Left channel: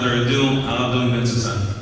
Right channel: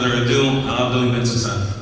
further ado, Rav Duvi Bensoussan.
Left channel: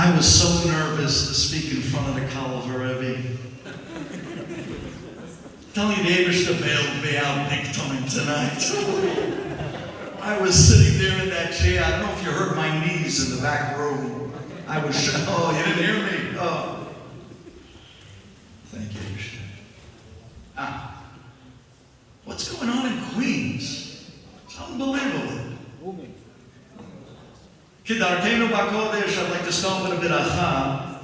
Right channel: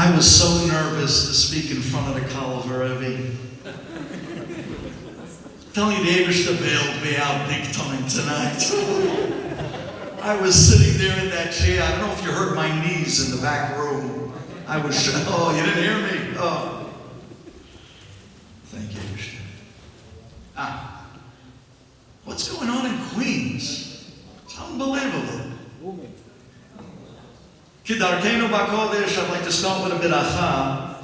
I was so nervous to speak in front of the Kal Varevi. Tell you, the Ebershter bailed me out big time tonight. I was sitting there in that chair. I don't know if you heard my knees in the back room. I was, oh, you didn't hear me? Oh. Thank you, Ebershter. What's going on in Queens? It's unbelievable. Kidarkenu b'kodesh, I'd like to start with a beracha.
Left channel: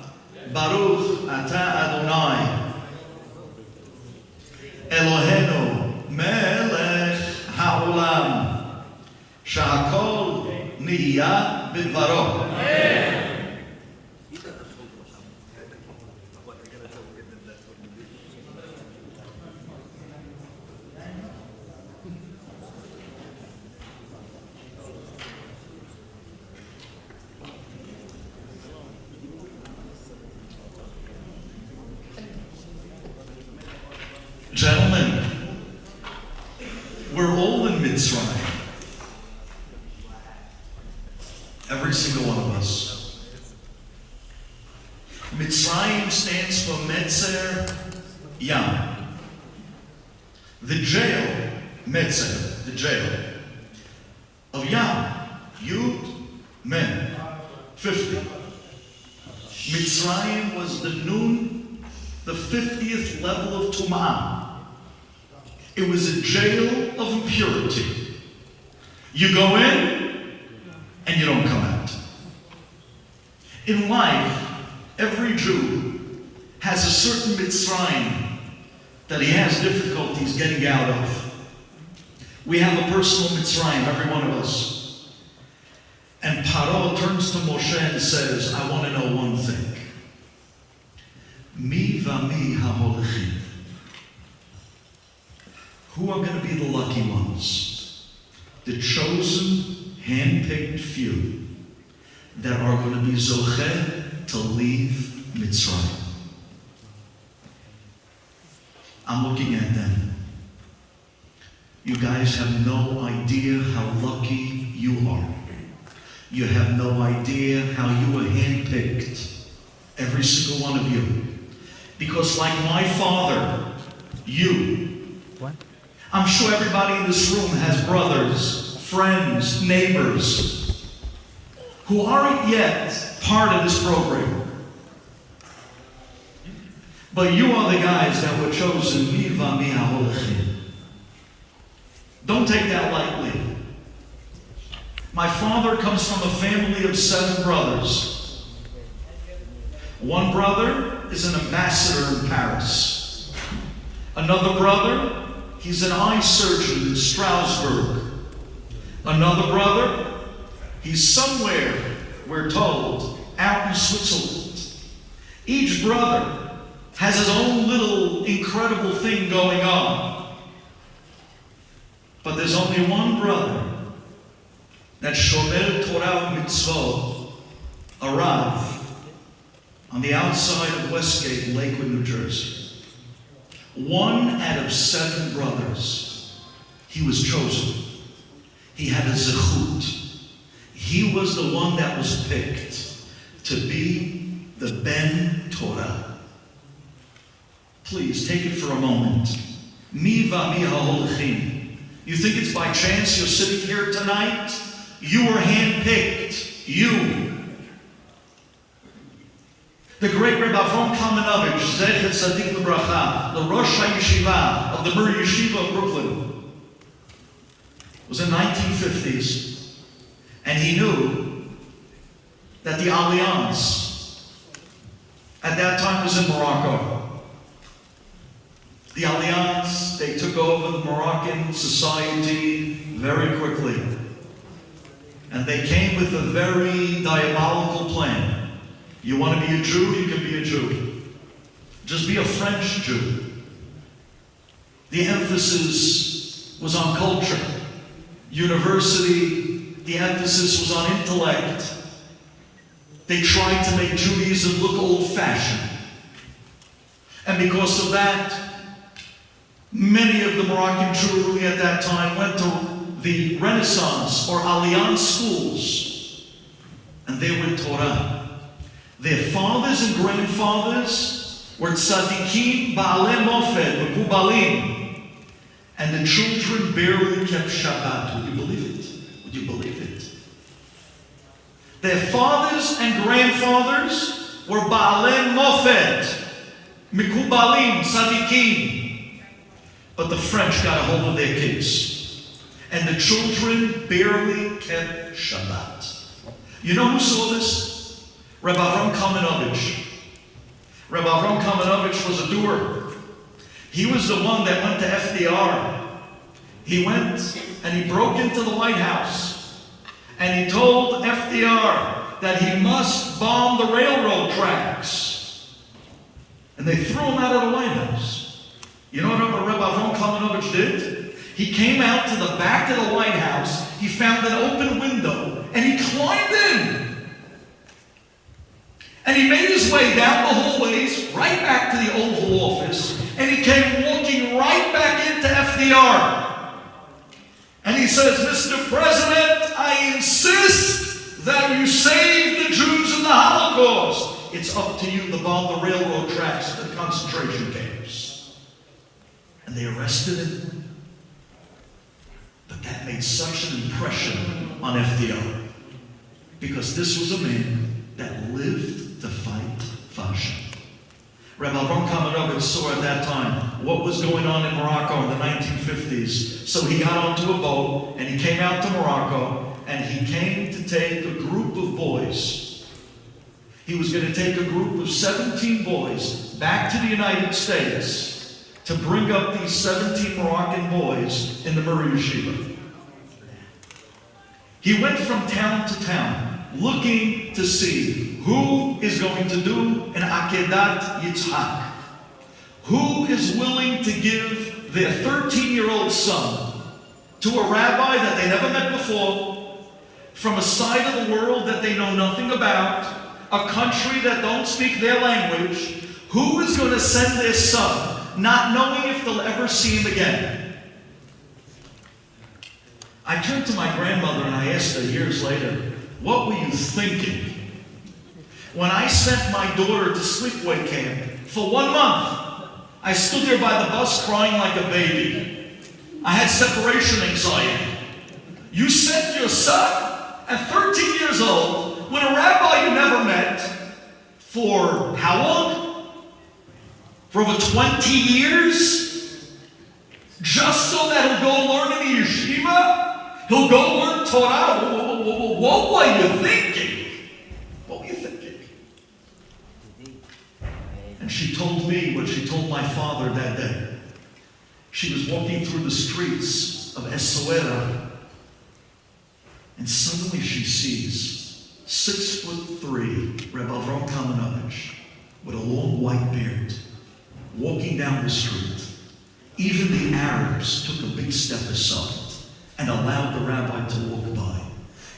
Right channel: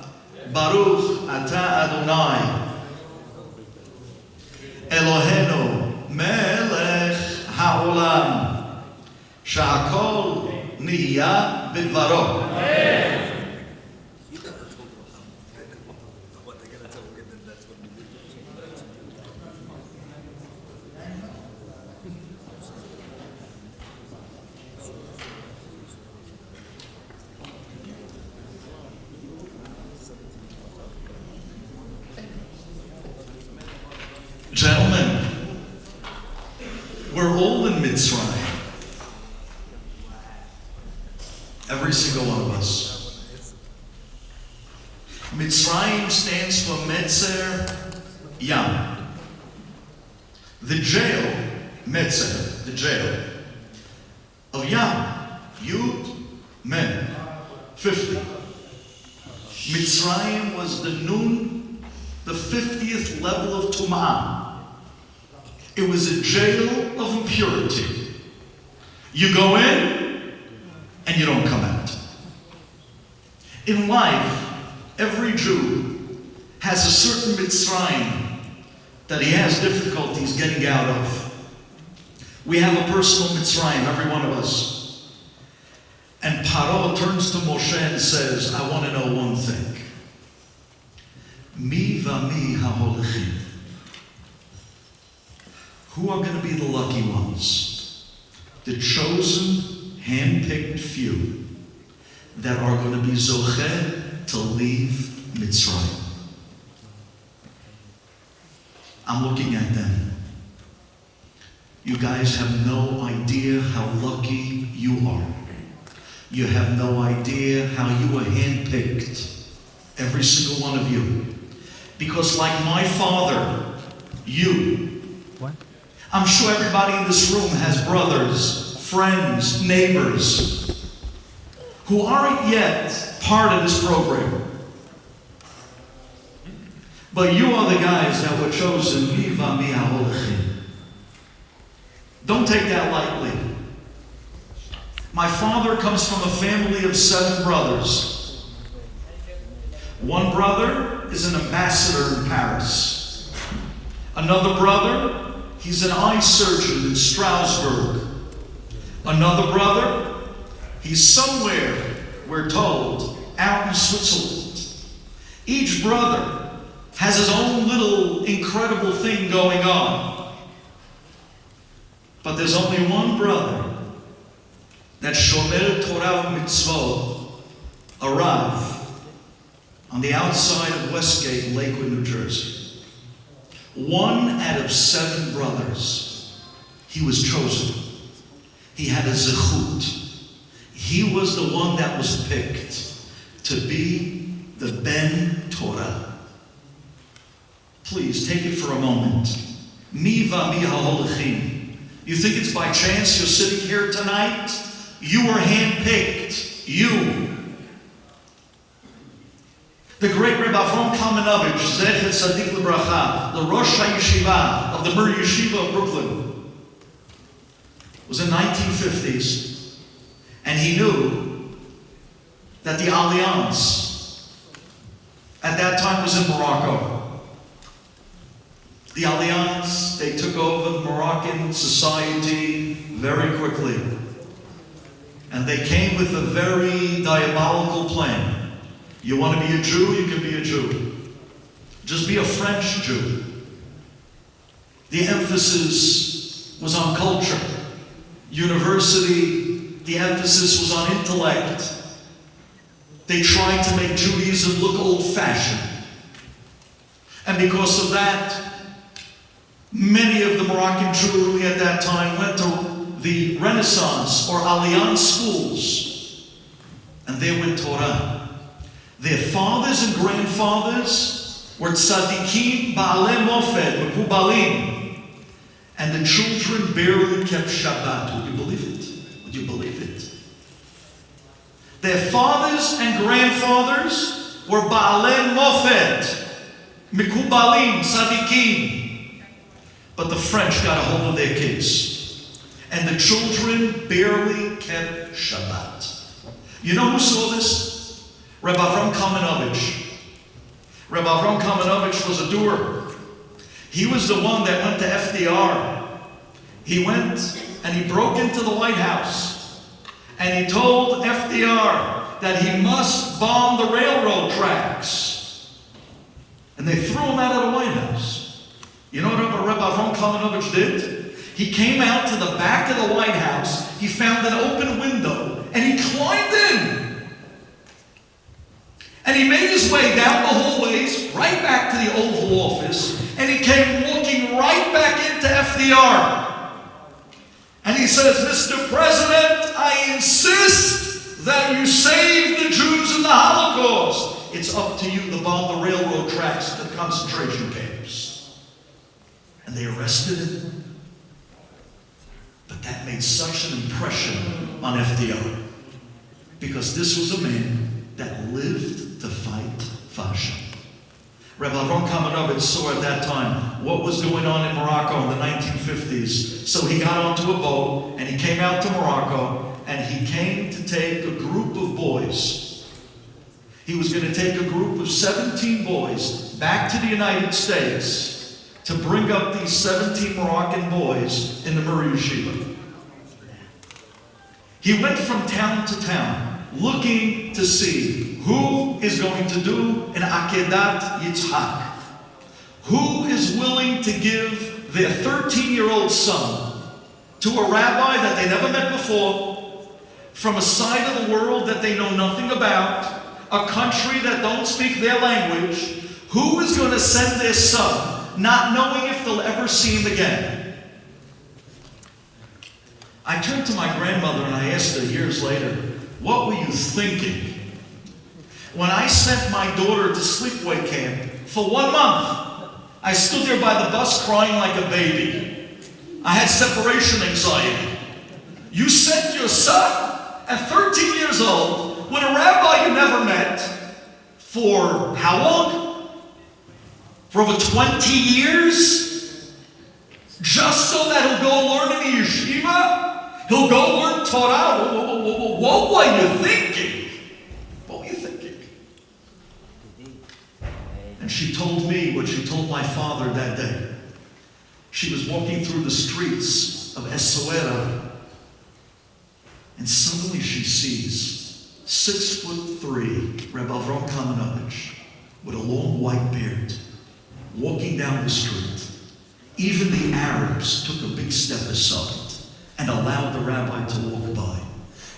Baruch ata Adonai Eloheinu melech ha'olam sha'akol niya b'dvaro. Gentlemen, we're all in Mitzrayim. Every single one of us. Mitzrayim stands for Metzer Yam. The jail, Metzer, the jail of Yam, Yud, Mem, 50. Mitzrayim was the Nun, the 50th level of Tum'ah. It was a jail of impurity. You go in, and you don't come out. In life, every Jew has a certain Mitzrayim that he has difficulties getting out of. We have a personal Mitzrayim, every one of us. And Paro turns to Moshe and says, I want to know one thing. Mi v'mi ha'holechim. Who are going to be the lucky ones? The chosen, hand-picked few that are going to be zocheh to leave Mitzrayim. I'm looking at them. You guys have no idea how lucky you are. You have no idea how you were handpicked, every single one of you. Because like my father, I'm sure everybody in this room has brothers, friends, neighbors who aren't yet part of this program. But you are the guys that were chosen. Don't take that lightly. My father comes from a family of 7 brothers. One brother is an ambassador in Paris. Another brother, he's an eye surgeon in Strasbourg. Another brother, he's somewhere, we're told, out in Switzerland. Each brother has his own little incredible thing going on. But there's only one brother that Shomer Torah Mitzvot arrived on the outside of Westgate in Lakewood, New Jersey. 1 out of 7 brothers, he was chosen. He had a zechut. He was the one that was picked to be the Ben Torah. Please take it for a moment. Mi v'mi ha'holechim. You think it's by chance you're sitting here tonight? You were handpicked. You. The great Rebbe Avram Kamenovich, Zecher Tzadik L'Bracha, the Rosh HaYeshiva of the Mir Yeshiva of Brooklyn, was in the 1950s, and he knew that the Alliance at that time was in Morocco. The Alliance, they took over Moroccan society very quickly. And they came with a very diabolical plan. You want to be a Jew, you can be a Jew. Just be a French Jew. The emphasis was on culture. University, the emphasis was on intellect. They tried to make Judaism look old-fashioned. And because of that, many of the Moroccan Jewry at that time went to the Renaissance or Alliance schools, and they were Torah. Their fathers and grandfathers were tzaddikim, ba'alei mofed, mekubalim, and the children barely kept Shabbat. Would you believe it? Would you believe it? Their fathers and grandfathers were ba'alei mofed, mekubalim, tzaddikim, but the French got a hold of their kids. And the children barely kept Shabbat. You know who saw this? Rabbi Avram Kamenovich. Rabbi Avram Kamenovich was a doer. He was the one that went to FDR. He went and he broke into the White House. And he told FDR that he must bomb the railroad tracks. And they threw him out of the White House. You know what Rabbi Avram Kamenovich did? He came out to the back of the White House, he found an open window, and he climbed in. And he made his way down the hallways, right back to the Oval Office, and he came walking right back into FDR. And he says, Mr. President, I insist that you save the Jews in the Holocaust. It's up to you to bomb the railroad tracks at the concentration camps. And they arrested him. But that made such an impression on FDR, because this was a man that lived to fight fashion. Rabbi Avram Kamenovich saw at that time what was going on in Morocco in the 1950s. So he got onto a boat and he came out to Morocco, and he came to take a group of boys. He was going to take a group of 17 boys back to the United States to bring up these 17 Moroccan boys in the Murray Yeshiva. He went from town to town looking to see who is going to do an Akedat Yitzhak. Who is willing to give their 13-year-old son to a rabbi that they never met before, from a side of the world that they know nothing about, a country that don't speak their language. Who is going to send their son not knowing if they'll ever see him again? I turned to my grandmother and I asked her years later, what were you thinking when I sent my daughter to sleepaway camp for 1 month? I stood there by the bus crying like a baby. I had separation anxiety. You sent your son at 13 years old with a rabbi you never met for how long? For over 20 years? Just so that he'll go learn in the yeshiva? He'll go learn Torah? What were you thinking? What were you thinking? And she told me what she told my father that day. She was walking through the streets of Essaouira, and suddenly she sees 6'3" Rav Avram Kamenovich with a long white beard walking down the street. Even the Arabs took a big step aside and allowed the rabbi to walk by.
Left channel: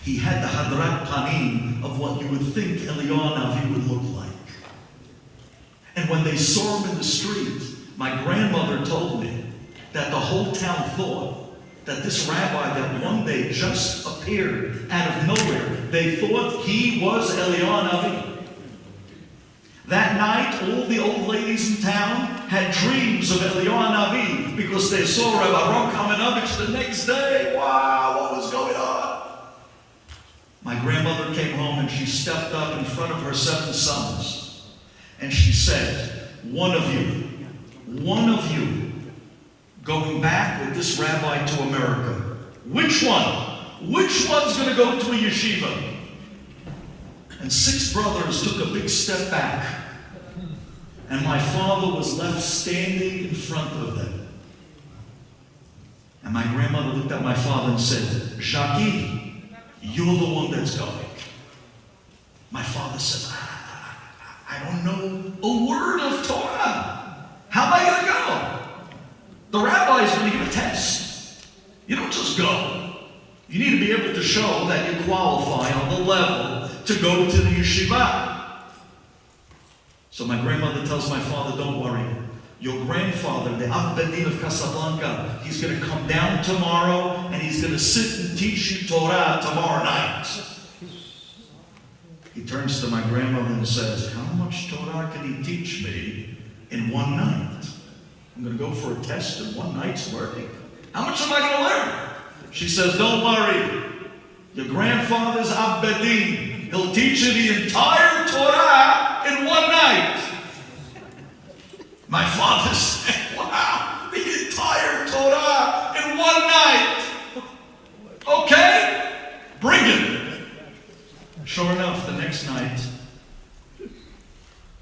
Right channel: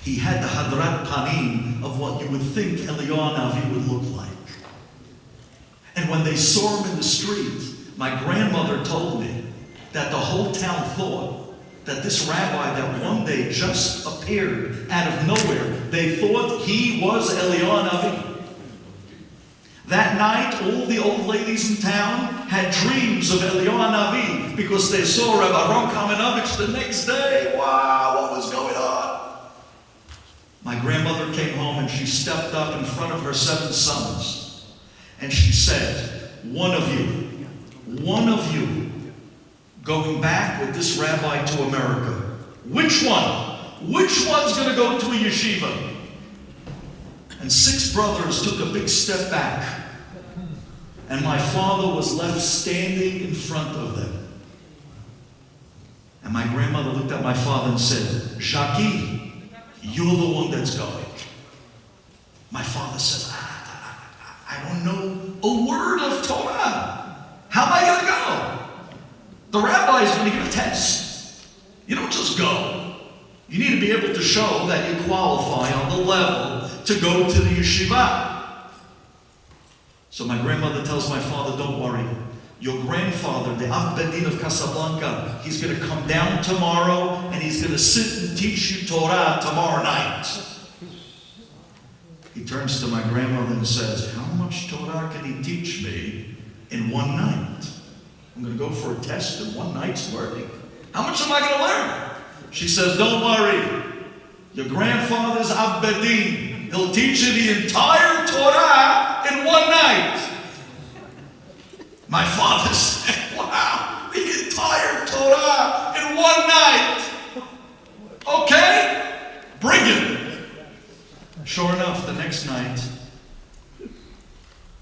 He had the hadrat panim of what you would think Eliyahu Navi would look like. And when they saw him in the street, my grandmother told me that the whole town thought that this rabbi that one day just appeared out of nowhere, they thought he was Eliyahu Navi. That night, all the old ladies in town had dreams of Eliyahu Navi because they saw Rabbi Avram Kamenovich the next day. Wow, what was going on? My grandmother came home and she stepped up in front of her 7 sons and she said, one of you, going back with this rabbi to America, which Which one? Which one's going to go to a yeshiva? And 6 brothers took a big step back. And my father was left standing in front of them. And my grandmother looked at my father and said, Jackie, you're the one that's going. My father said, I don't know a word of Torah. How am I going to go? The rabbi is going to give a test. You don't just go. You need to be able to show that you qualify on the level to go to the yeshiva. So my grandmother tells my father, don't worry. Your grandfather, the Av Bedin of Casablanca, he's going to come down tomorrow and he's going to sit and teach you Torah tomorrow night. He turns to my grandmother and says, how much Torah can he teach me in one night? I'm going to go for a test in one night's learning. How much am I going to learn? She says, don't worry. Your grandfather's Av Bedin. He'll teach you the entire Torah in one night. My father said, wow, the entire Torah in one night. Okay, bring him. Sure enough, the next night,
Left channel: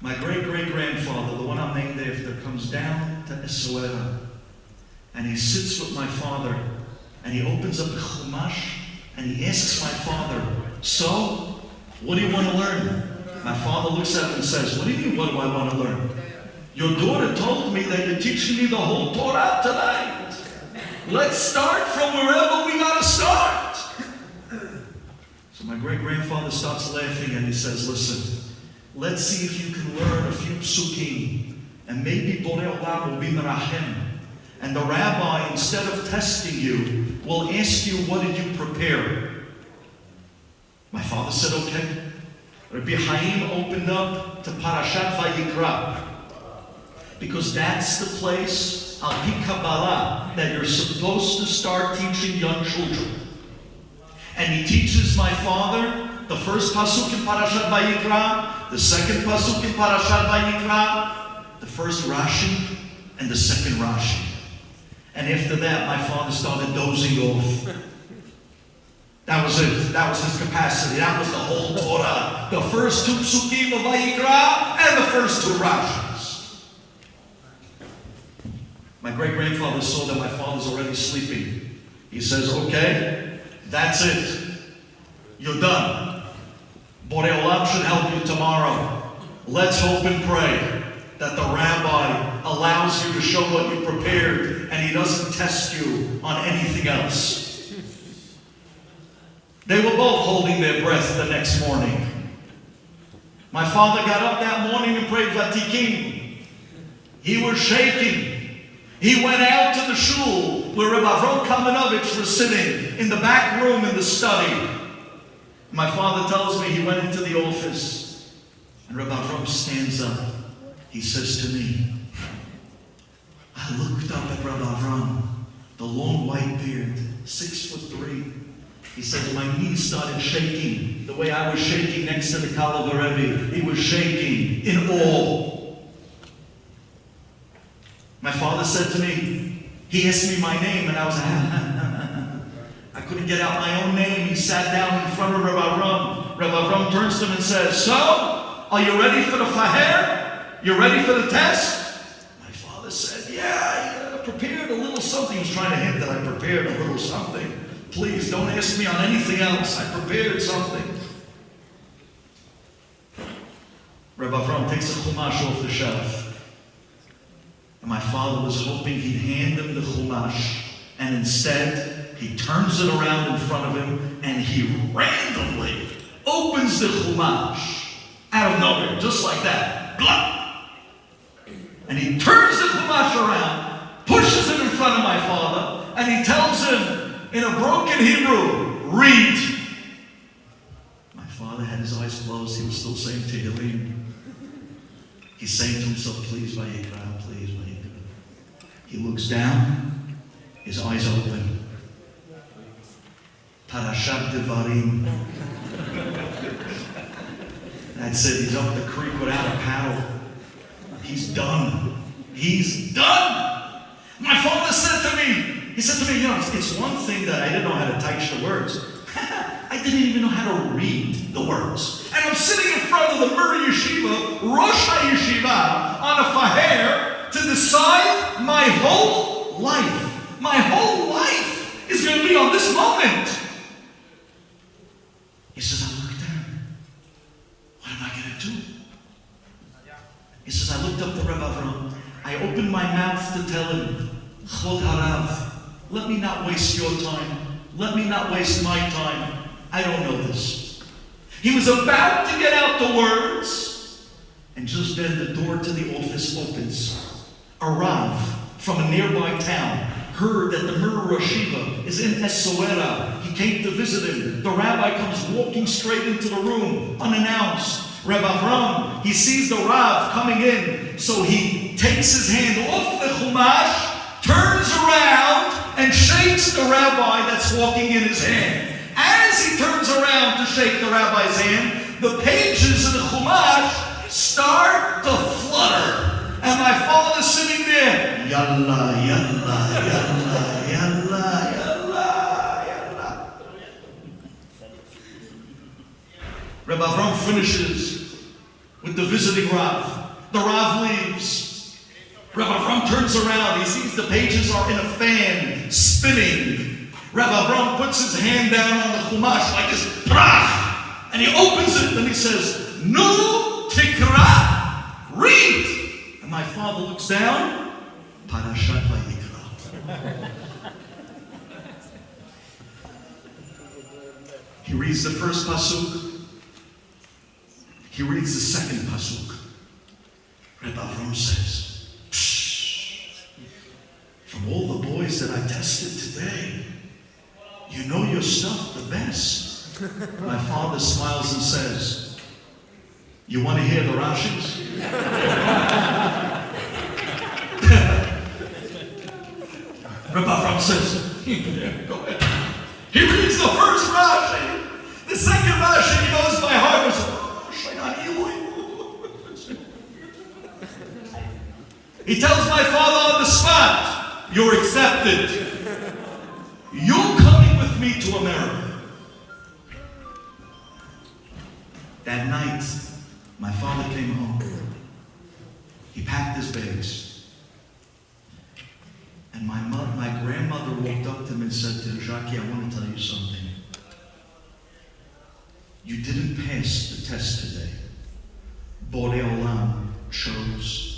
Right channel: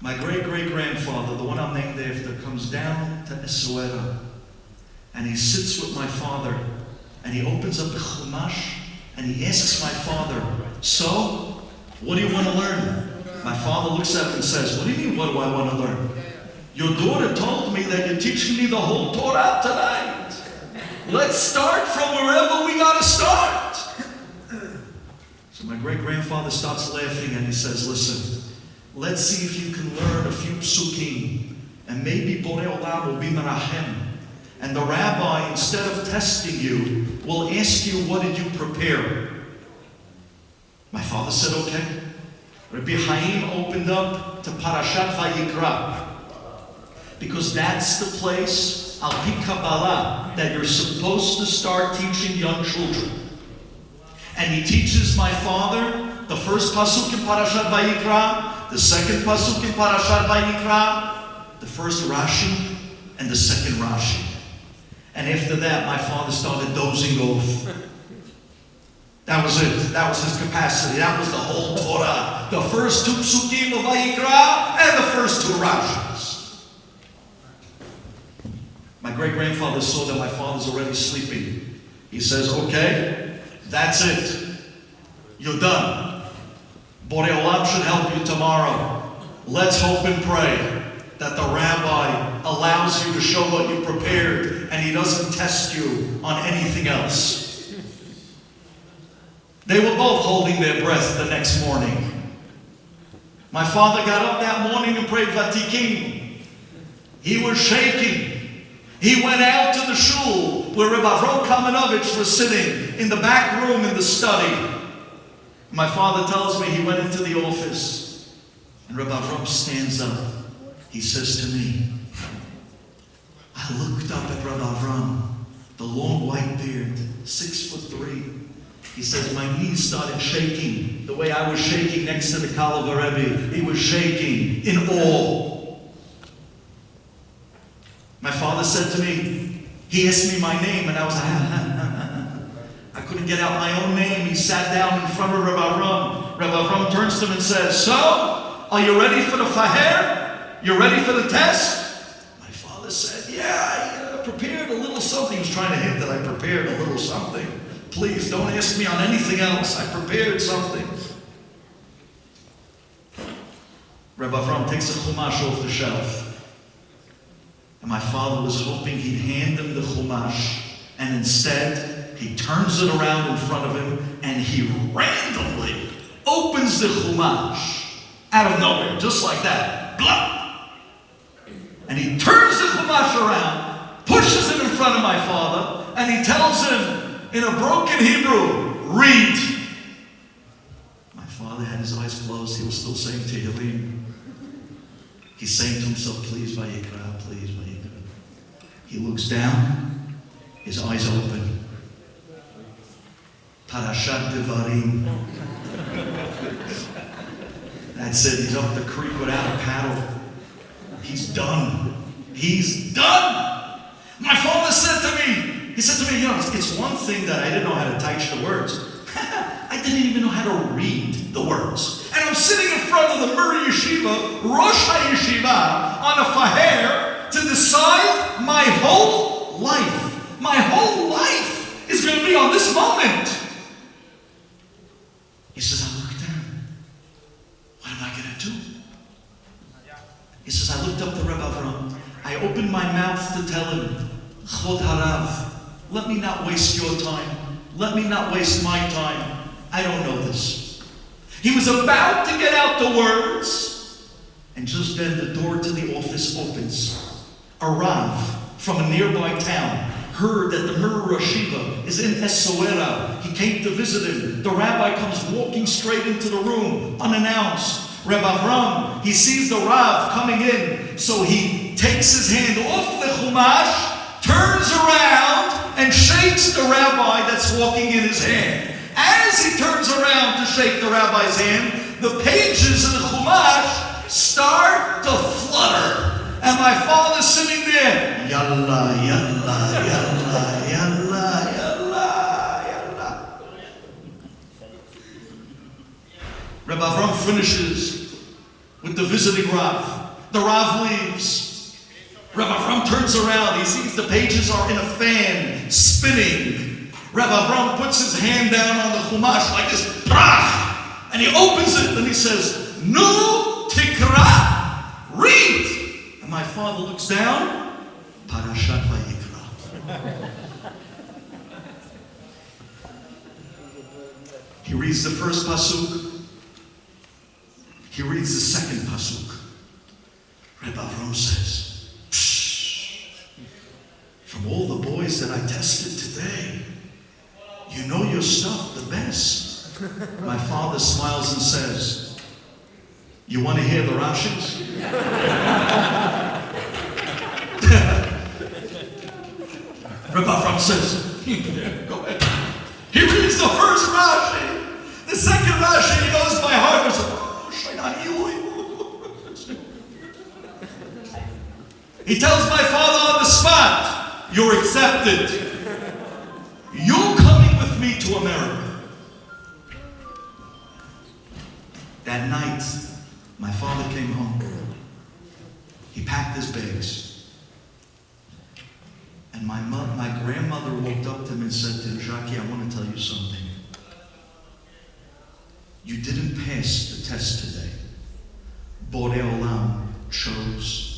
my great-great-grandfather, the one I'm named after, comes down to Esuera, and he sits with my father, and he opens up the Chumash, and he asks my father, so, what do you want to learn? My father looks at him and says, what do you mean, what do I want to learn? Your daughter told me that you're teaching me the whole Torah tonight. Let's start from wherever we got to start. So my great-grandfather starts laughing and he says, listen, let's see if you can learn a few psukim, and maybe Borei Olam will be merachem. And the rabbi, instead of testing you, will ask you, what did you prepare? My father said, okay. Rabbi Chaim opened up to Parashat Vayikra, because that's the place, al pi Kabbalah, that you're supposed to start teaching young children. And he teaches my father the first pasuk in Parashat Vayikra, the second pasuk in Parashat Vayikra, the first Rashi, and the second Rashi. And after that, my father started dozing off. That was it. That was his capacity. That was the whole Torah. The first 2 psukim of Vayikra and the first 2 Rashis. My great-grandfather saw that my father's already sleeping. He says, okay, that's it. You're done. Borei Olam should help you tomorrow. Let's hope and pray that the rabbi allows you to show what you prepared and he doesn't test you on anything else. They were both holding their breath the next morning. My father got up that morning and prayed Vatikim. He was shaking. He went out to the shul where Rabbi Avram Kamenovich was sitting in the back room in the study. My father tells me he went into the office and Rabbi Avram stands up. He says to me, I looked up at Rabbi Avram, the long white beard, 6'3". He says, my knees started shaking the way I was shaking next to the Kala Rebbe. He was shaking in awe. My father said to me, he asked me my name, and I was like, I couldn't get out my own name. He sat down in front of Rabbi Avram. Rabbi Avram turns to him and says, so, are you ready for the faher? You ready for the test? My father said, yeah, I prepared a little something. He was trying to hint that I prepared a little something. Please, don't ask me on anything else. I prepared something. Rabbi Avram takes a chumash off the shelf. And my father was hoping he'd hand him the chumash. And instead, he turns it around in front of him and he randomly opens the chumash out of nowhere, just like that. Blah! And he turns the chumash around, pushes it in front of my father, and he tells him, in a broken Hebrew, read. My father had his eyes closed. He was still saying Tehillim. He's saying to himself, please, Vayikra, please, Vayikra. He looks down. His eyes open. Parashat Devarim. That's it. He's up the creek without a paddle. He's done. He's done. My father said to me, He said to me, it's one thing that I didn't know how to type the words. I didn't even know how to read the words. And I'm sitting in front of the Murray Yeshiva, Rosh HaYeshiva, on a faher to decide my whole life. My whole life is going to be on this moment. He says, I looked down. What am I going to do? He says, I looked up the Rebbe Avram. I opened my mouth to tell him, Chod Harav, let me not waste your time. Let me not waste my time. I don't know this. He was about to get out the words, and just then the door to the office opens. A Rav from a nearby town heard that the Murray Yeshiva is in Essoera. He came to visit him. The rabbi comes walking straight into the room, unannounced. Reb Avram, he sees the Rav coming in, so he takes his hand off the Chumash, turns around, and shakes the rabbi that's walking in his hand. As he turns around to shake the rabbi's hand, the pages of the Chumash start to flutter. And my father's sitting there, yalla, yalla, yalla, yalla, yalla, yalla. Reb Avram finishes with the visiting Rav. The Rav leaves. Reb Avram turns around. He sees the pages are in a fan, spinning. Reb Avram puts his hand down on the Chumash like this, brach, and he opens it and he says, Nu tikra, read. And my father looks down, Parashat Vayikra. He reads the first pasuk. He reads the second pasuk. Reb Avram says, Psh, from all the boys that I tested today, you know your stuff the best. My father smiles and says, you want to hear the Rashis? Reb Avram says, go ahead. He reads the first Rashi. The second Rashi, he knows by heart. He tells my father on the spot, you're accepted. You're coming with me to America. That night, my father came home. He packed his bags. And my grandmother walked up to him and said to him, Jackie, I want to tell you something. You didn't pass the test today. Borei Olam chose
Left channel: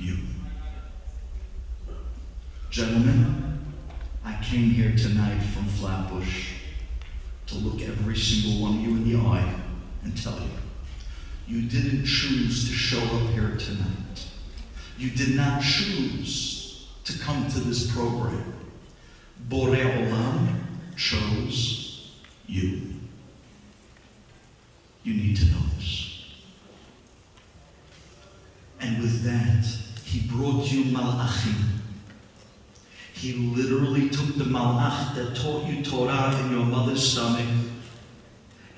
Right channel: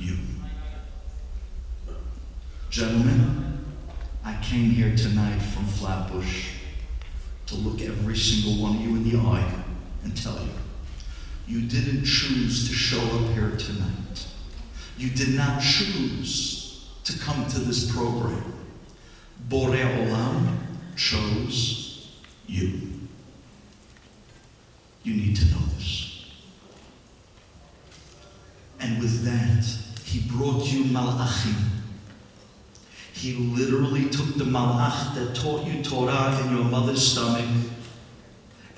you. Gentlemen, I came here tonight from Flatbush to look every single one of you in the eye and tell you, you didn't choose to show up here tonight. You did not choose to come to this program. Borei Olam chose you. You need to know this. And with that, he brought you malachim. He literally took the malach that taught you Torah in your mother's stomach,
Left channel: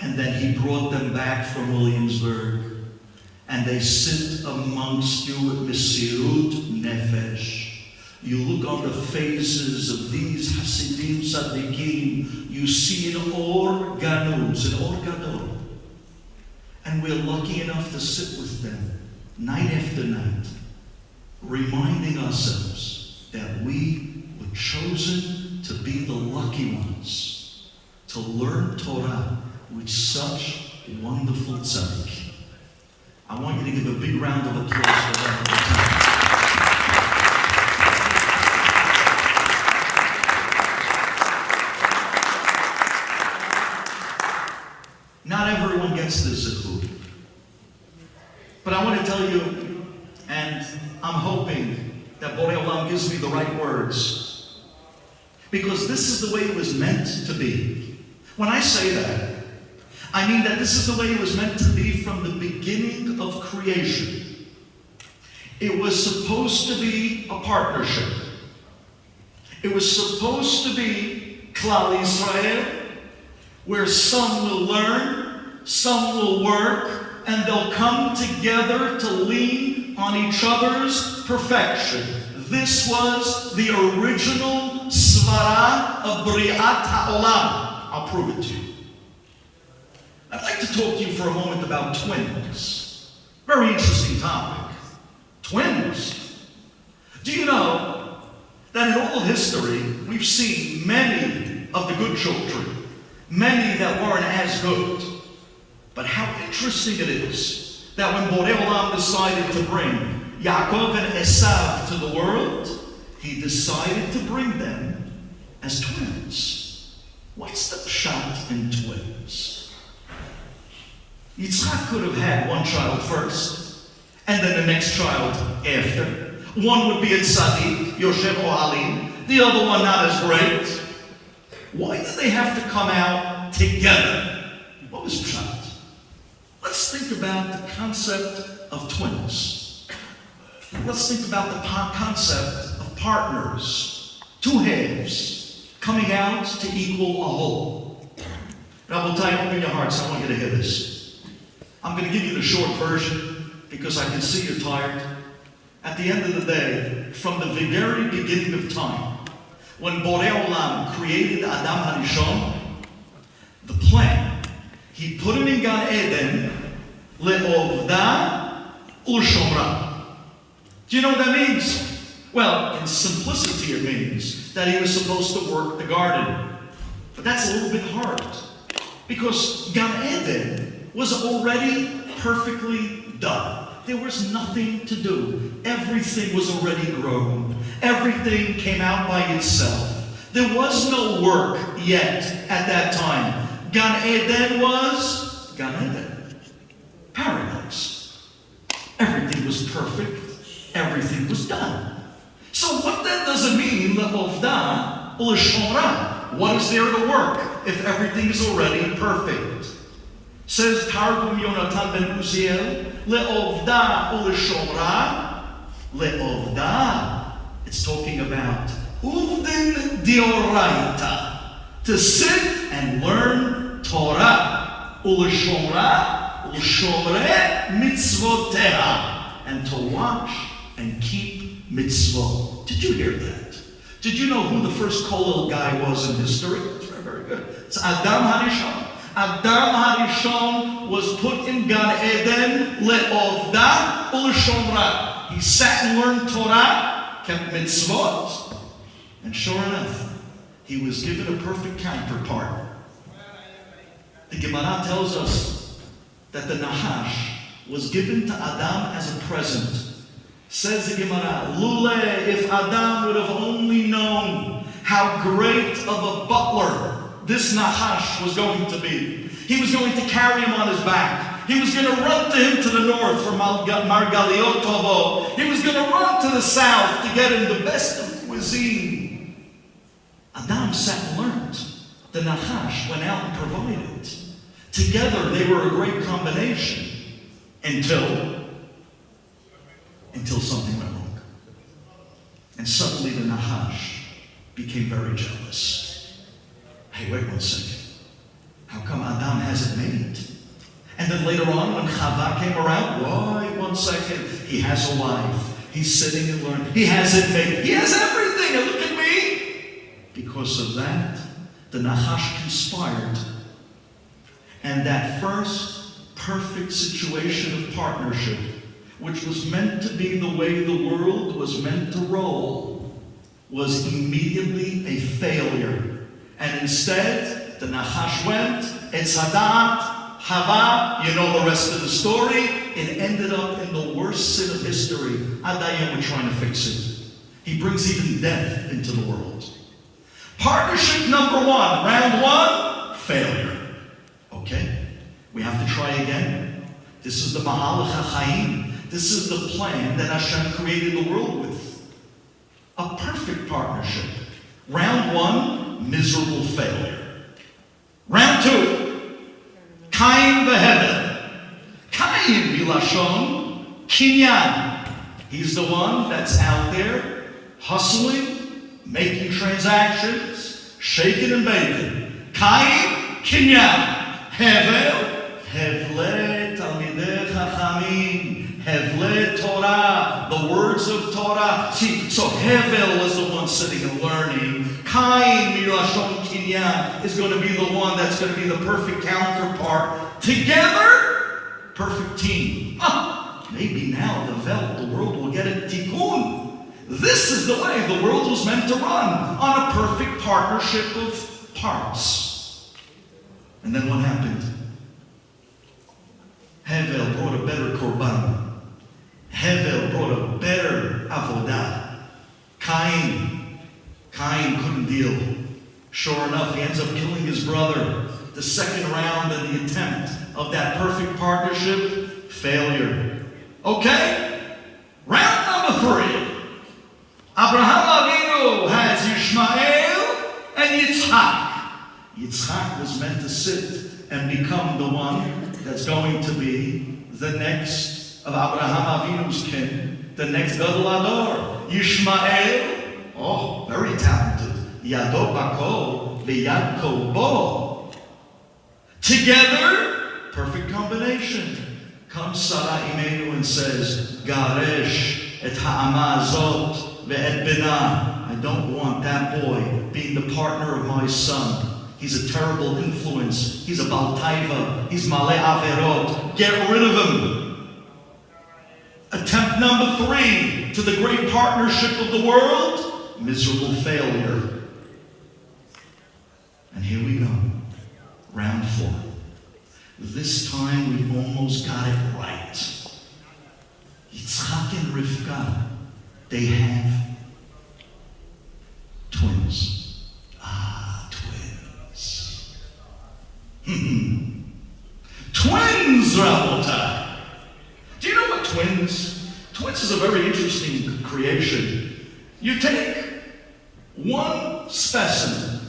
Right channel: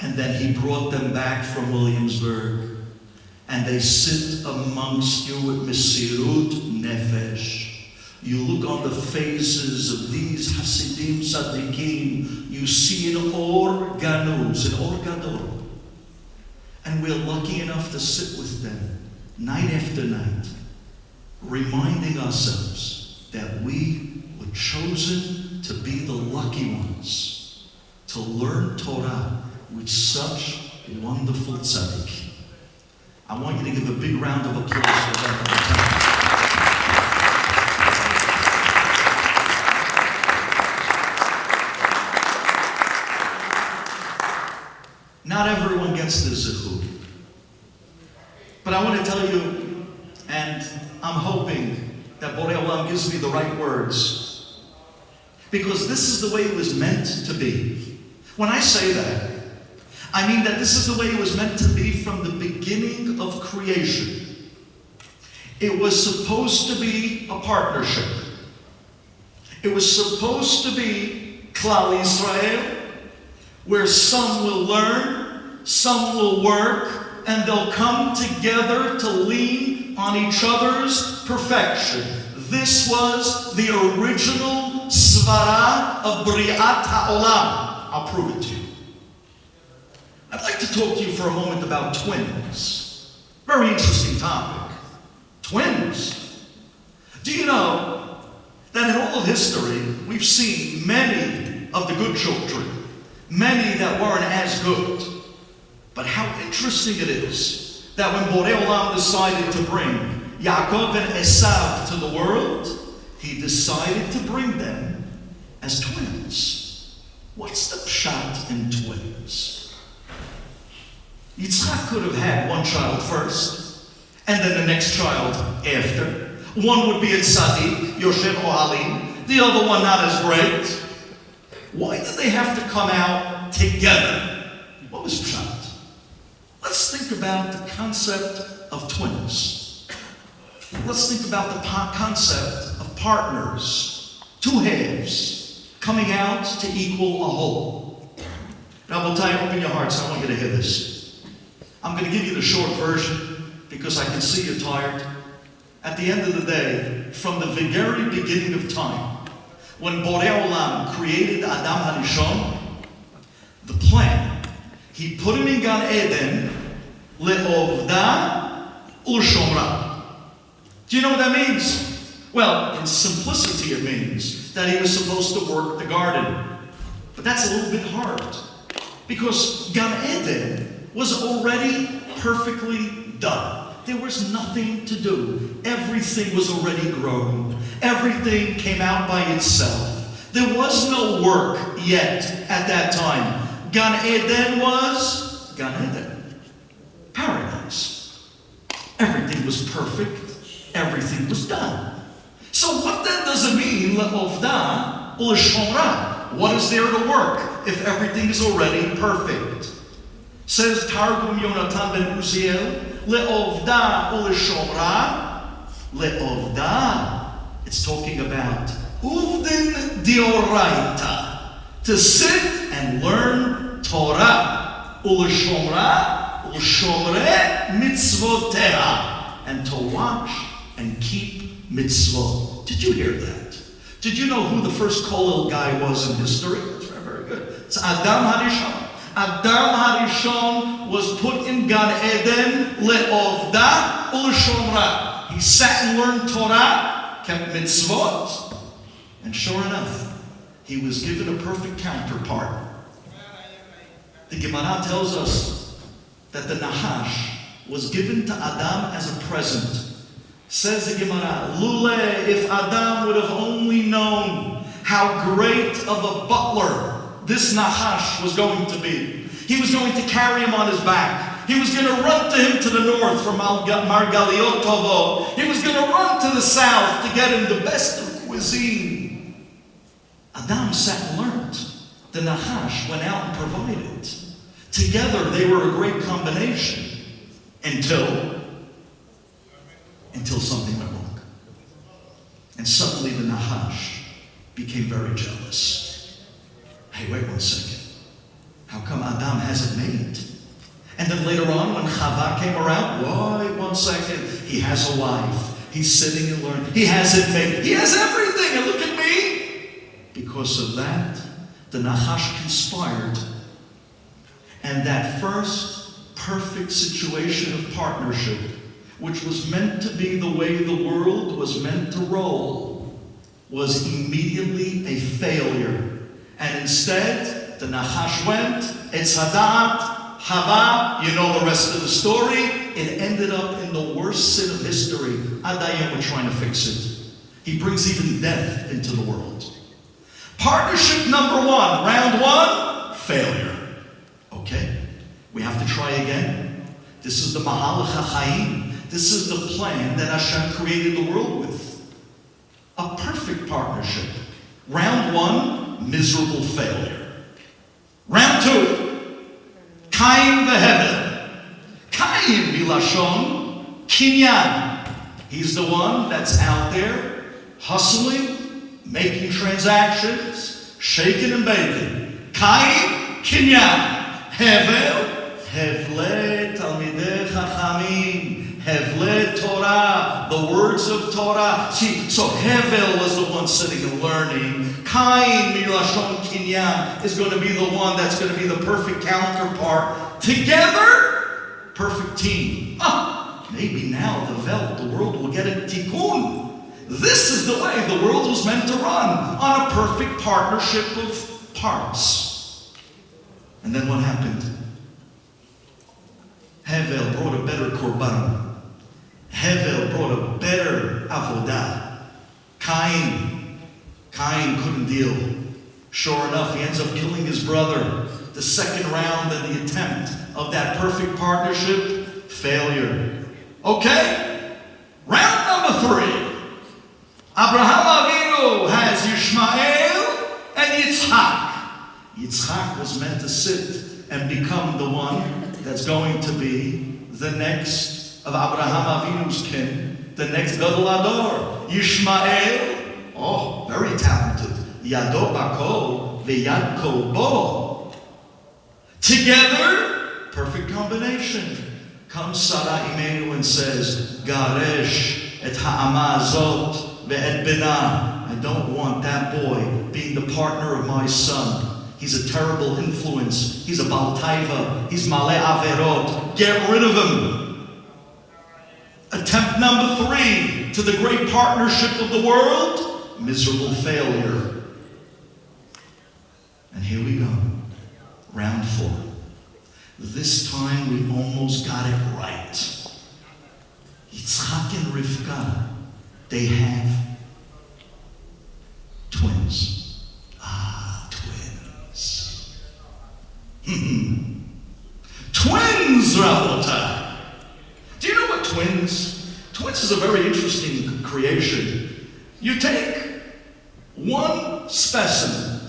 and then he brought them back from Williamsburg, and they sit amongst you with Mesirut Nefesh. You look on the faces of these Hasidim Tzaddikim, you see an Or Ganuz, an Or Gadol. And we're lucky enough to sit with them night after night, reminding ourselves that we were chosen to be the lucky ones, to learn Torah with such wonderful tzaddik. I want you to give a big round of applause for that. Not everyone gets this zichud. But I want to tell you, and I'm hoping that Borei Olam gives me the right words, because this is the way it was meant to be. When I say that, I mean that this is the way it was meant to be from the beginning of creation. It was supposed to be a partnership. It was supposed to be Klal Yisrael, where some will learn, some will work, and they'll come together to lean on each other's perfection. This was the original svara of Bri'at ha'olam. I'll prove it to you. I'd like to talk to you for a moment about twins. Very interesting topic. Twins. Do you know that in all of history, we've seen many of the good children, many that weren't as good. But how interesting it is that when Borei Olam decided to bring Yaakov and Esav to the world, he decided to bring them as twins. What's the pshat in twins? Yitzchak could have had one child first, and then the next child after. One would be in Tzadi, Yoshem Ohalim, the other one not as great. Why did they have to come out together? What was pshat? Let's think about the concept of twins. Let's think about the concept of partners, two halves, coming out to equal a whole. Now, we'll tell you, open your hearts, I want you to hear this. I'm going to give you the short version because I can see you're tired. At the end of the day, from the very beginning of time, when Borei Olam created Adam HaRishon, the plan, he put him in Gan Eden, le'ovda u'shomra. Do you know what that means? Well, in simplicity it means that he was supposed to work the garden. But that's a little bit hard, because Gan Eden was already perfectly done. There was nothing to do. Everything was already grown. Everything came out by itself. There was no work yet at that time. Gan Eden was Gan Eden. Paradise. Everything was perfect. Everything was done. So what then does it mean, le'ovda u'l'shomra? What is there to work if everything is already perfect? Says Targum Yonatan ben Uziel, le'ovda u'l'shomra, le'ovda. It's talking about uvdin dioraita, to sit and learn Torah, u'l'shomra, u'l'shomre mitzvoteha, and to watch and keep mitzvot. Did you hear that? Did you know who the first Kollel guy was in history? That's very good. It's Adam HaRishon. Adam HaRishon was put in Gan Eden, le'ovda u'l'shomra. He sat and learned Torah, kept mitzvot, and sure enough, he was given a perfect counterpart. The Gemara tells us that the Nahash was given to Adam as a present. Says the Gemara, Lule, if Adam would have only known how great of a butler this Nahash was going to be. He was going to carry him on his back. He was going to run to him to the north from Margaliot Tovo. He was going to run to the south to get him the best of cuisine. Adam sat and learned. The Nahash went out and provided. Together they were a great combination until something went wrong. And suddenly the Nahash became very jealous. Hey, wait 1 second. How come Adam has it made? And then later on, when Chava came around, wait 1 second. He has a wife. He's sitting and learning. He has it made. He has everything. And look at me. Because of that, the Nahash conspired. And that first perfect situation of partnership, which was meant to be the way the world was meant to roll, was immediately a failure. And instead, the Nahash went, Etz Hadat, Hava, you know the rest of the story. It ended up in the worst sin of history. Adayim were trying to fix it. He brings even death into the world. Partnership number 1, round 1, failure. Okay, we have to try again. This is the Mahalach HaChaim. This is the plan that Hashem created the world with. A perfect partnership. Round 1, miserable failure. Round 2, Kain v'Hevel. Kain milashon kinyan. He's the one that's out there hustling, making transactions, shaking and baking. Kain kinyan. Hevel, hevle talmidei chachamim. Hevle Torah, the words of Torah. See, so Hevel was the one sitting and learning. Cain Mirashon Kinyan is going to be the one that's going to be the perfect counterpart. Together, perfect team. Maybe now the world will get a tikkun. This is the way the world was meant to run, on a perfect partnership of parts. And then what happened? Hevel brought a better korban. Hevel brought a better avodah. Cain couldn't deal. Sure enough, he ends up killing his brother. The second round in the attempt of that perfect partnership, failure. Okay, round number 3. Abraham Avinu has Yishmael and Yitzchak. Yitzchak was meant to sit and become the one that's going to be the next of Abraham Avinu's kin, the next Gadol Ador. Yishmael, very talented. Yado Bakol, V'yad Kol Bo. Together, perfect combination. Comes Sarah Imenu and says, Garesh et ha'ama azot ve'et bena. I don't want that boy being the partner of my son. He's a terrible influence. He's a Baal Taiva. He's Maleh Averot. Get rid of him. Attempt number 3 to the great partnership of the world. Miserable failure. And here we go. Round 4. This time we almost got it right. Yitzchak and Rivka, they have twins. Twins. Twins, Rabotai. Do you know what twins? Twins is a very interesting creation. You take one specimen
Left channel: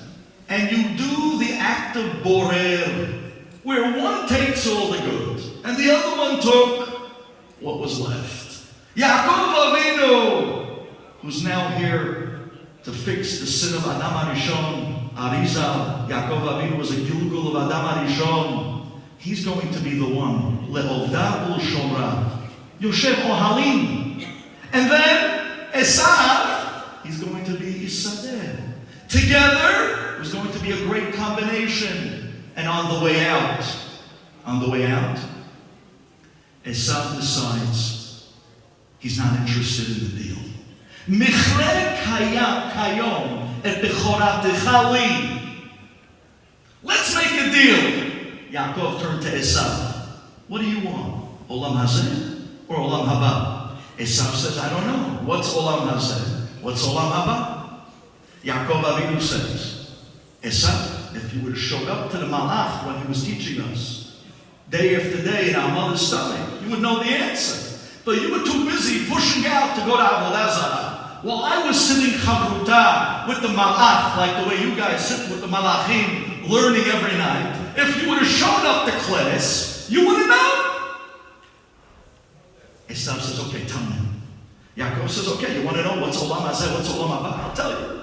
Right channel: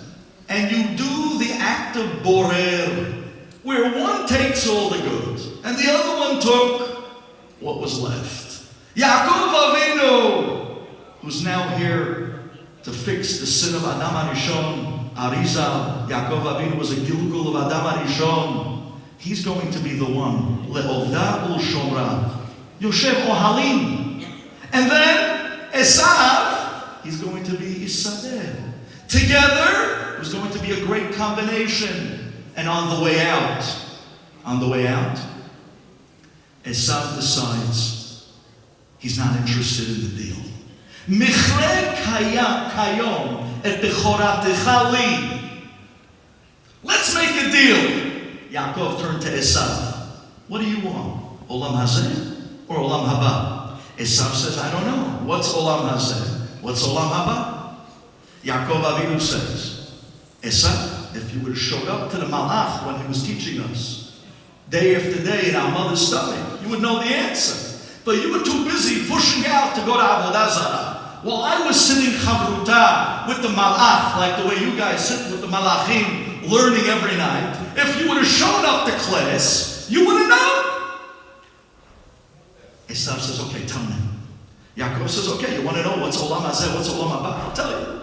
and you do the act of borer, where one takes all the good, and the other one took what was left. Yaakov Avinu, who's now here to fix the sin of Adam HaRishon, Arizal. Yaakov Avinu was a Gilgul of Adam HaRishon. He's going to be the one. Le'ovda u'shomra. Yoshev Ohalim. And then Esav, he's going to be Isadeh. Together, there's going to be a great combination. And on the way out, Esav decides he's not interested in the deal. Michrei kayom et bechoratecha li. Let's make a deal. Yaakov turned to Esav. What do you want? Olam hazeh or olam haba? Esav says, I don't know. What's olam hazeh? What's olam haba? Yaakov Avinu says, Esav, if you would have showed up to the Malach when he was teaching us, day after day in our mother's stomach, you would know the answer. But you were too busy pushing out to go to Avodah Zarah. While I was sitting chavruta with the Malach, like the way you guys sit with the Malachim, learning every night, if you would have shown up to class, you would have known. Esav says, okay, tell me. Yaakov says, okay, you want to know what's Olam Hazeh, what's Olam Haba? I'll tell you.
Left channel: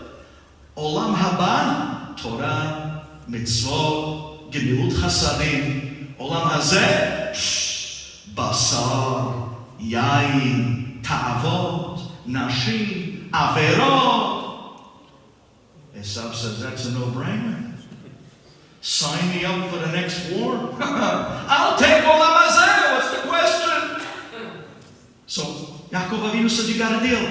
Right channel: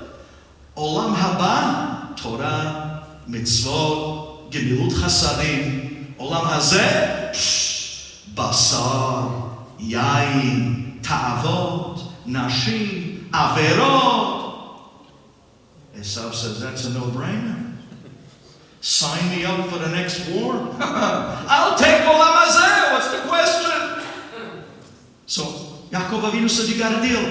Olam Haba, Torah, Mitzvot, Gemilut Chasadim. Olam Hazeh, Basar, Yain, Ta'avot, Nashim, Averot. Esav says, that's a no-brainer. Sign me up for the next war. I'll take Olam Hazeh. What's the question? So Yaakov Avinu said, you got a deal.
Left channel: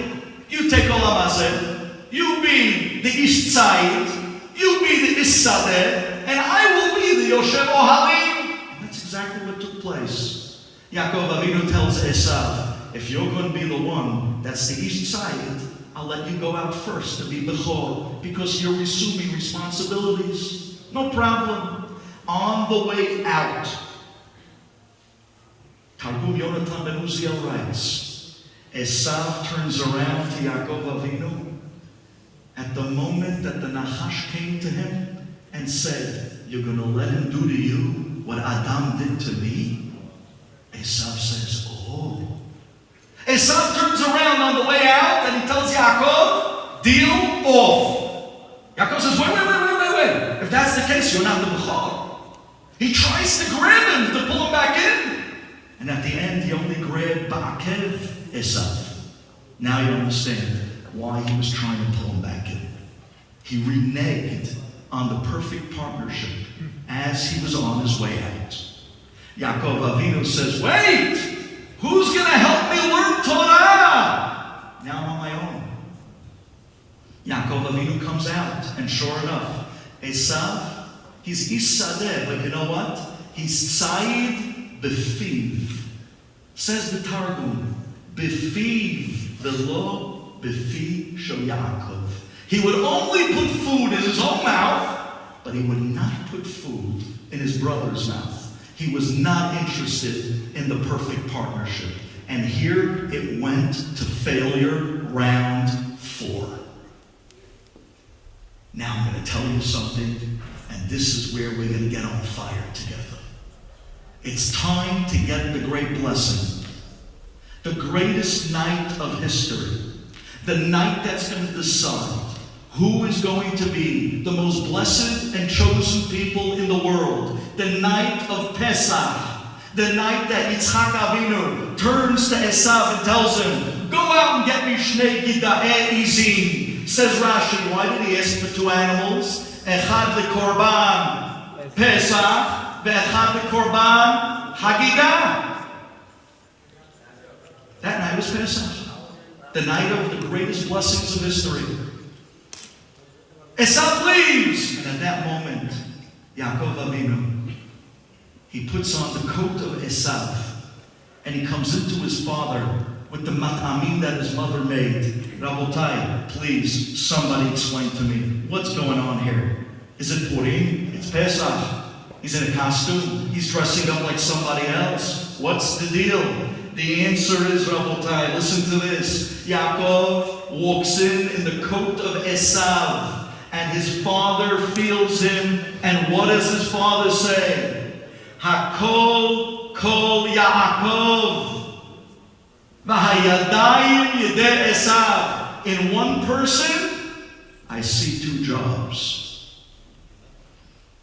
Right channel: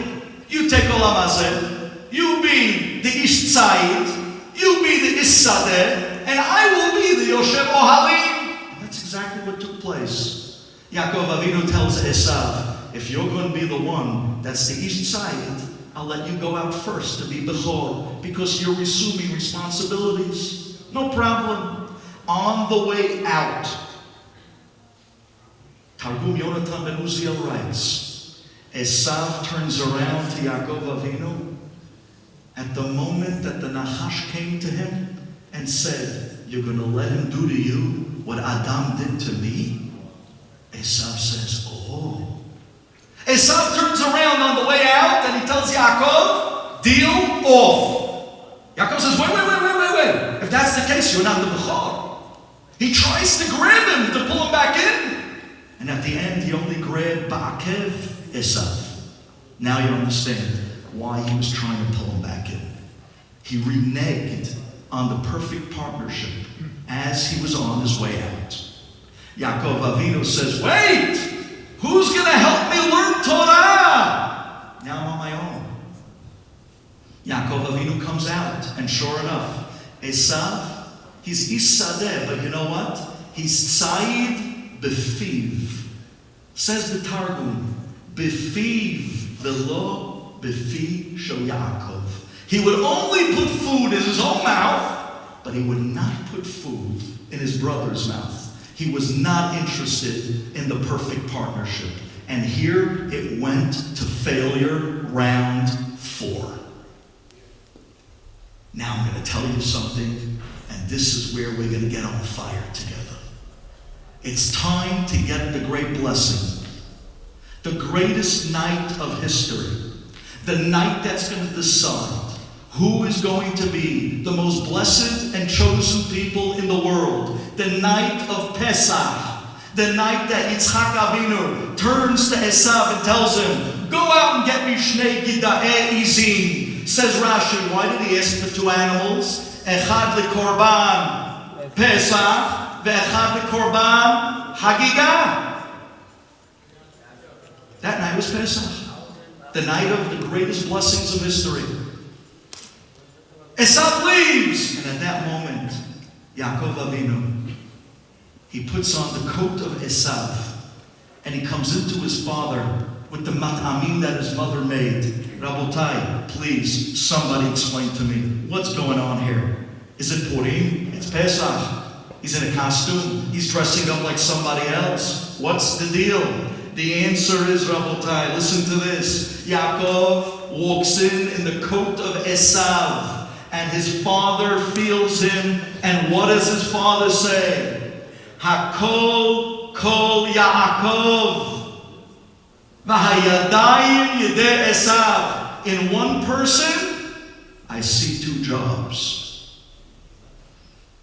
You take Olam Hazeh. You be the Ish Tzayid. You be the Isadeh, and I will be the Yoshev Ohalim. That's exactly what took place. Yaakov Avinu tells Esav, if you're going to be the one that's the Ish Tzayid, I'll let you go out first to be Bechor, because you're assuming responsibilities. No problem. On the way out, Targum Yonatan ben Uziel writes, Esav turns around to Yaakov Avinu at the moment that the Nachash came to him and said, you're going to let him do to you what Adam did to me? Esav says, oh. Esav turns around on the way out and he tells Yaakov, deal off. Yaakov says, wait. If that's the case, you're not the Bechor. He tries to grab him to pull him back in. And at the end, he only grabbed Ba'akev Esav. Now you understand why he was trying to pull him back in. He reneged on the perfect partnership as he was on his way out. Yaakov Avinu says, wait! Who's going to help me learn Torah? Now I'm on my own. Yaakov Avinu comes out, and sure enough, Esav, he's Isadeh, but you know what? He's Tzayid Befiv. Says the Targum, Befiv velo befi shel Yaakov. He would only put food in his own mouth, but he would not put food in his brother's mouth. He was not interested in the perfect partnership. And here it went to failure, round 4. Now I'm going to tell you something, and this is where we're going to get on fire together. It's time to get the great blessing. The greatest night of history. The night that's going to decide who is going to be the most blessed and chosen people in the world. The night of Pesach. The night that Yitzchak Avinu turns to Esav and tells him, go out and get me shnei gida'eh izim. Says Rashi, why did he ask for 2 animals? Echad lekorban Pesach, ve'echad lekorban Hagigah. That night was Pesach. The night of the greatest blessings of history. Esav leaves. And at that moment, Yaakov Avinu, he puts on the coat of Esav. And he comes into his father with the mat'amim that his mother made. Rabotai, please, somebody explain to me. What's going on here? Is it Purim? It's Pesach. He's in a costume. He's dressing up like somebody else. What's the deal? The answer is, Rabotai, listen to this. Yaakov walks in the coat of Esav. And his father feels him. And what does his father say? Hakol kol Yaakov. V'hayadayim yedei Esav. In one person, I see 2 jobs.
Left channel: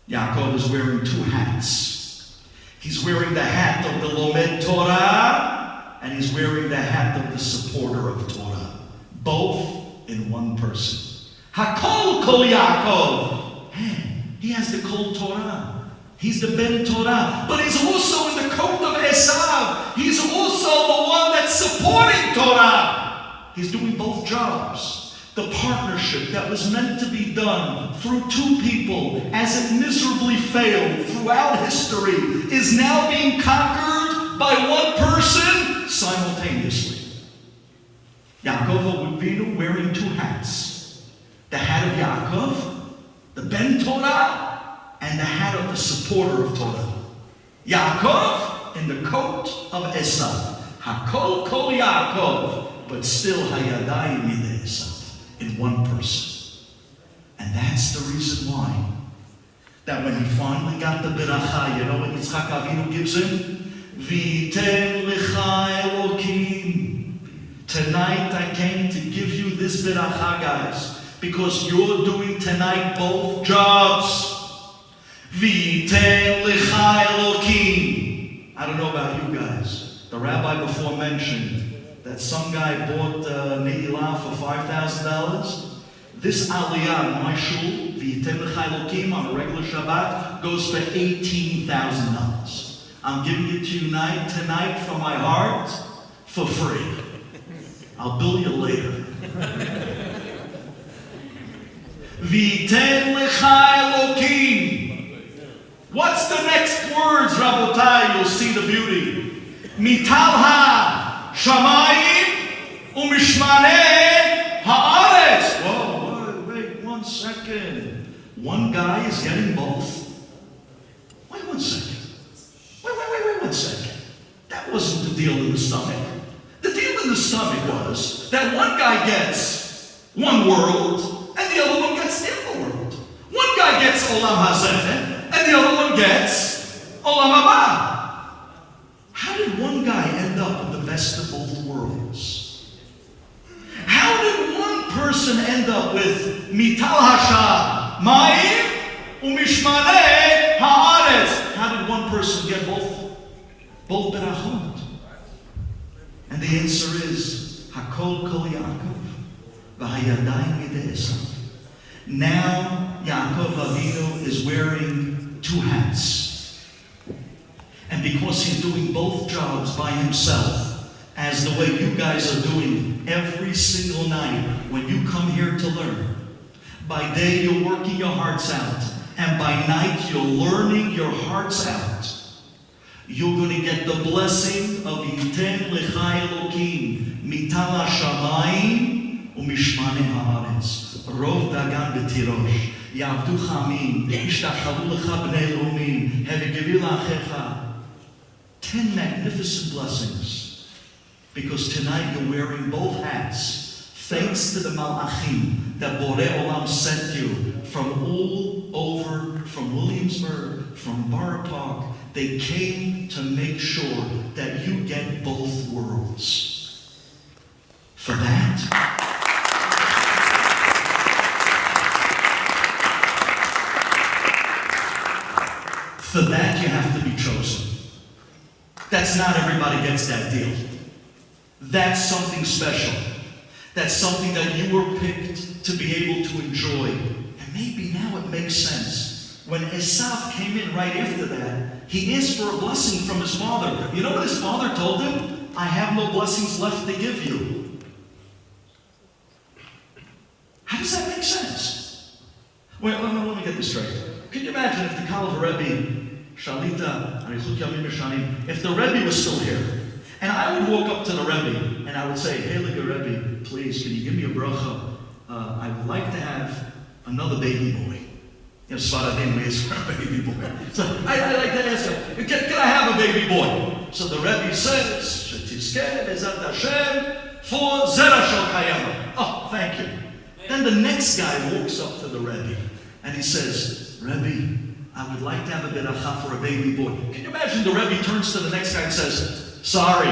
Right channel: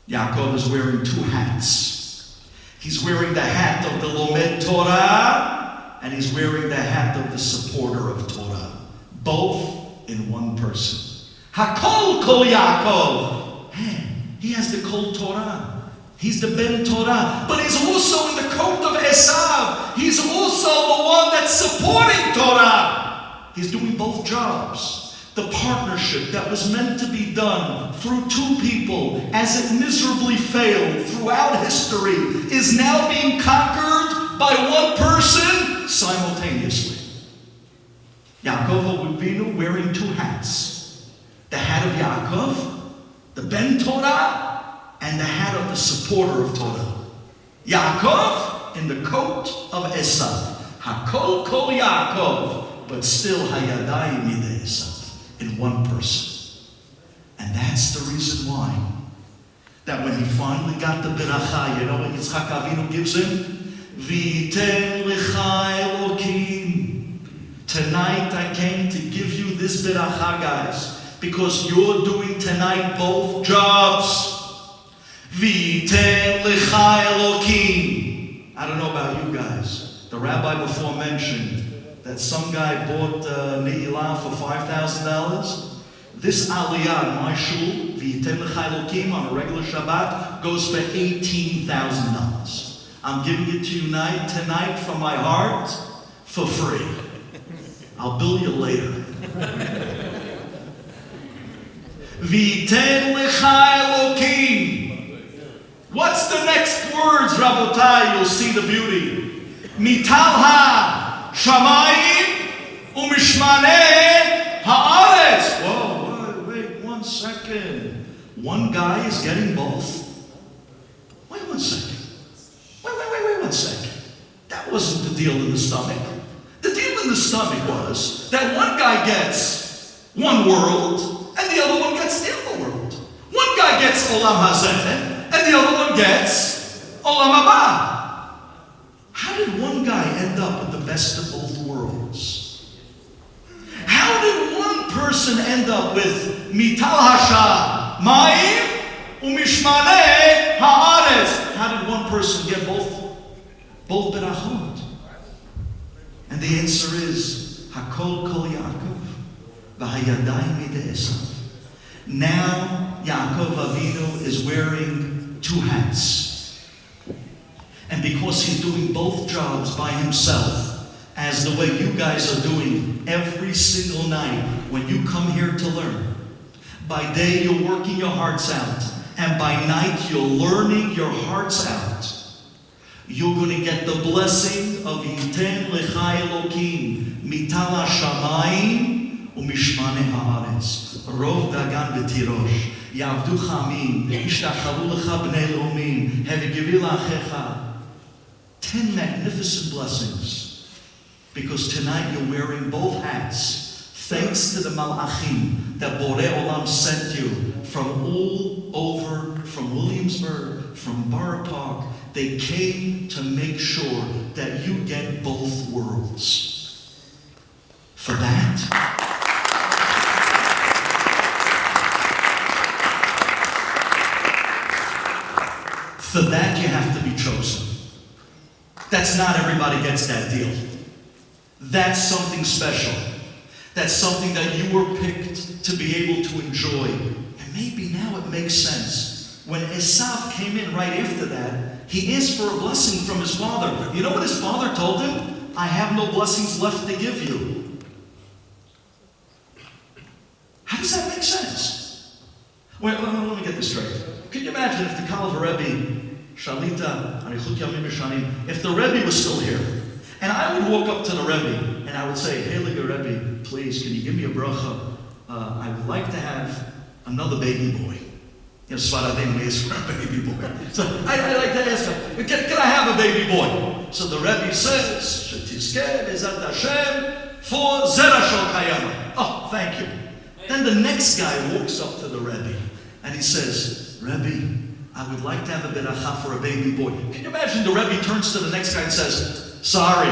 Yaakov is wearing 2 hats. He's wearing the hat of the Lomed Torah, and he's wearing the hat of the supporter of Torah. Both in one person. Hakol kol Yaakov. Man, he has the Kol Torah. He's the Ben Torah. But he's also in the coat of Esav. He's also the one that's supporting Torah. He's doing both jobs. The partnership that was meant to be done through 2 people, as it miserably failed throughout history, is now being conquered by one person simultaneously. Yaakov Avinu wearing 2 hats. The hat of Yaakov, the Ben Torah, and the hat of the supporter of Torah. Yaakov in the coat of Esav. Hakol kol Yaakov, but still Hayadayim yedei Esav, in one person. And that's the reason why that when he finally got the beracha, you know what Yitzchak Avinu gives him? V'yitem lecha Elokim. Tonight I came to give you this beracha, guys. Because you're doing tonight both jobs. V'yitem lecha Elokim. I don't know about you guys. The rabbi before mentioned that some guy bought Ne'ilah for $5,000. This aliyah in my shul, V'yitem lecha Elokim, on a regular Shabbat, goes for $18,000. I'm giving it to you tonight from my heart for free. I'll bill you later. V'yitem lecha Elokim. What's the next words, Rabotai? You'll see the beauty. Mital ha-shamayim u'mishmaneh ha'aretz. Whoa, wait 1 second. One guy is getting both. Wait 1 second. Wait 1 second. That wasn't the deal in the stomach. The deal in the stomach was that one guy gets one world, and the other one gets the other world. One guy gets Olam Hazeh, and the other one gets Olam Haba. How did one guy end up with the best of both worlds? How did one person end up with Mital Hasha Ma'im Umishmaneh Ha'aretz? How did one person get both berachot? And the answer is, Hakol Kol Yaakov, V'hayadayim Midei Esav. Now Yaakov Avinu is wearing two hats. And because he's doing both jobs by himself, as the way you guys are doing every single night when you come here to learn, by day you're working your hearts out, and by night you're learning your hearts out, you're going to get the blessing of Yiten Lecha Elokim Mital HaShamayim Umishmanei Haaretz Rov Dagan B'Tirosh Yavdu Chamim Yishtachavu Lecha Bnei Romim Hevigevi La'achecha. 10 magnificent blessings, because tonight you're wearing both hats, thanks to the Malachim that Borei Olam sent you from all over, from Williamsburg, from Borough Park. They came to make sure that you get both worlds. For that, you have to be chosen. That's not everybody gets that deal. That's something special. That's something that you were picked to be able to enjoy. And maybe now it makes sense. When Esav came in right after that, he asked for a blessing from his father. You know what his father told him? I have no blessings left to give you. How does that make sense? Wait, let me get this straight. Can you imagine if the Kalva Rebbe, Shalita, if the Rebbe was still here, and I would walk up to the Rebbe and I would say, hey, Rebbe, please, can you give me a bracha? I would like to have another baby boy. You know, Svaradim is for a baby boy. So I'd like to ask her, can I have a baby boy? So the Rebbe says, Shetizkeh Bezat Hashem for Zera Shel Kayama. Oh, thank you. Then the next guy walks up to the Rebbe and he says, Rebbe, I would like to have a beracha for a baby boy. Can you imagine the Rebbe turns to the next guy and says, sorry,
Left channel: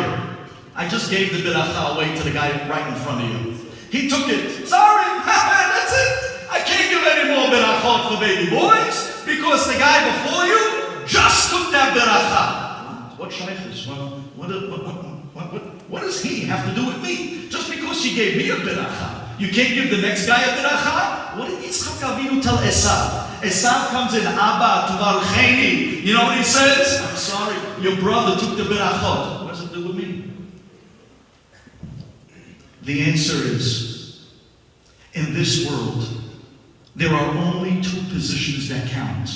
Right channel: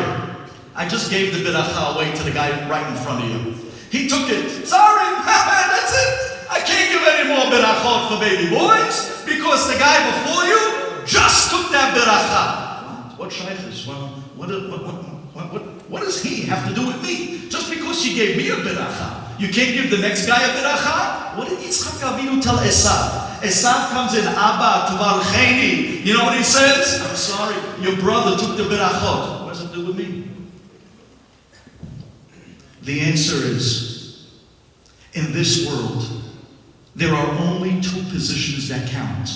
I just gave the beracha away to the guy right in front of you. He took it. Sorry, that's it. I can't give any more berachot for baby boys because the guy before you just took that beracha. What shaykhs? Well, what does he have to do with me? Just because you gave me a beracha, you can't give the next guy a beracha? What did Yitzchak Avinu tell Esav? Esav comes in, Abba, Tuvarcheni. You know what he says? I'm sorry, your brother took the berachot. What does it do with me? The answer is, in this world, there are only two positions that count.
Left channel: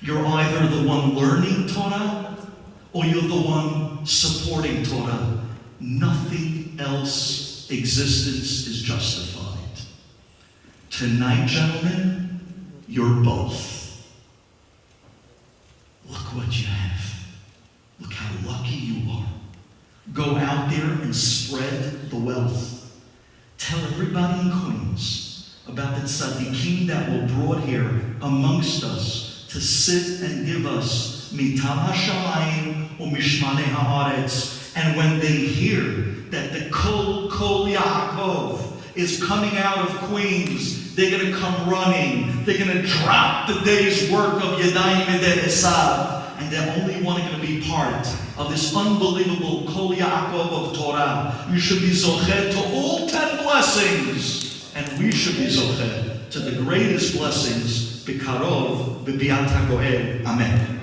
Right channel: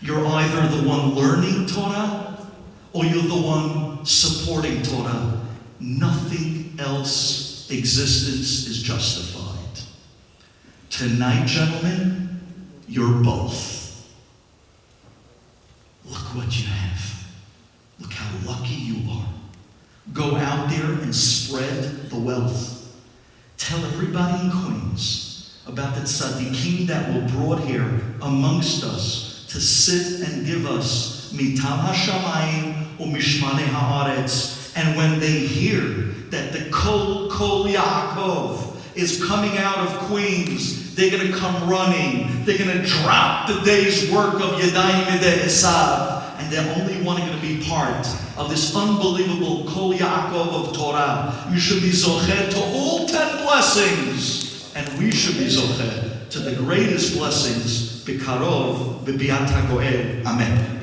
You're either the one learning Torah, or you're the one supporting Torah. Nothing else existence is justified. Tonight, gentlemen, you're both. Look what you have. Look how lucky you are. Go out there and spread the wealth. Tell everybody in Queens about the tzaddikim that were brought here amongst us to sit and give us mitam hashamayim umishmanei haaretz. And when they hear that the Kol Yaakov is coming out of Queens, they're going to come running. They're going to drop the day's work of Yadayim Midei Esav, and they're only wanting to be part of this unbelievable Kol Yaakov of Torah. You should be zocher to all 10 blessings, and we should be zocher to the greatest blessings, Bikarov, B'biat HaGoel. Amen.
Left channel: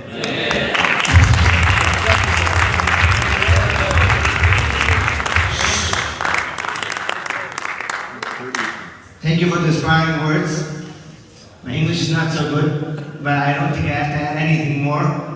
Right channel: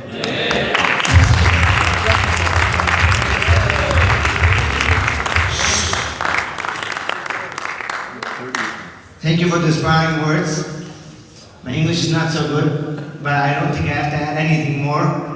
Thank you for the inspiring words. My English is not so good, but I don't think I have to add anything more.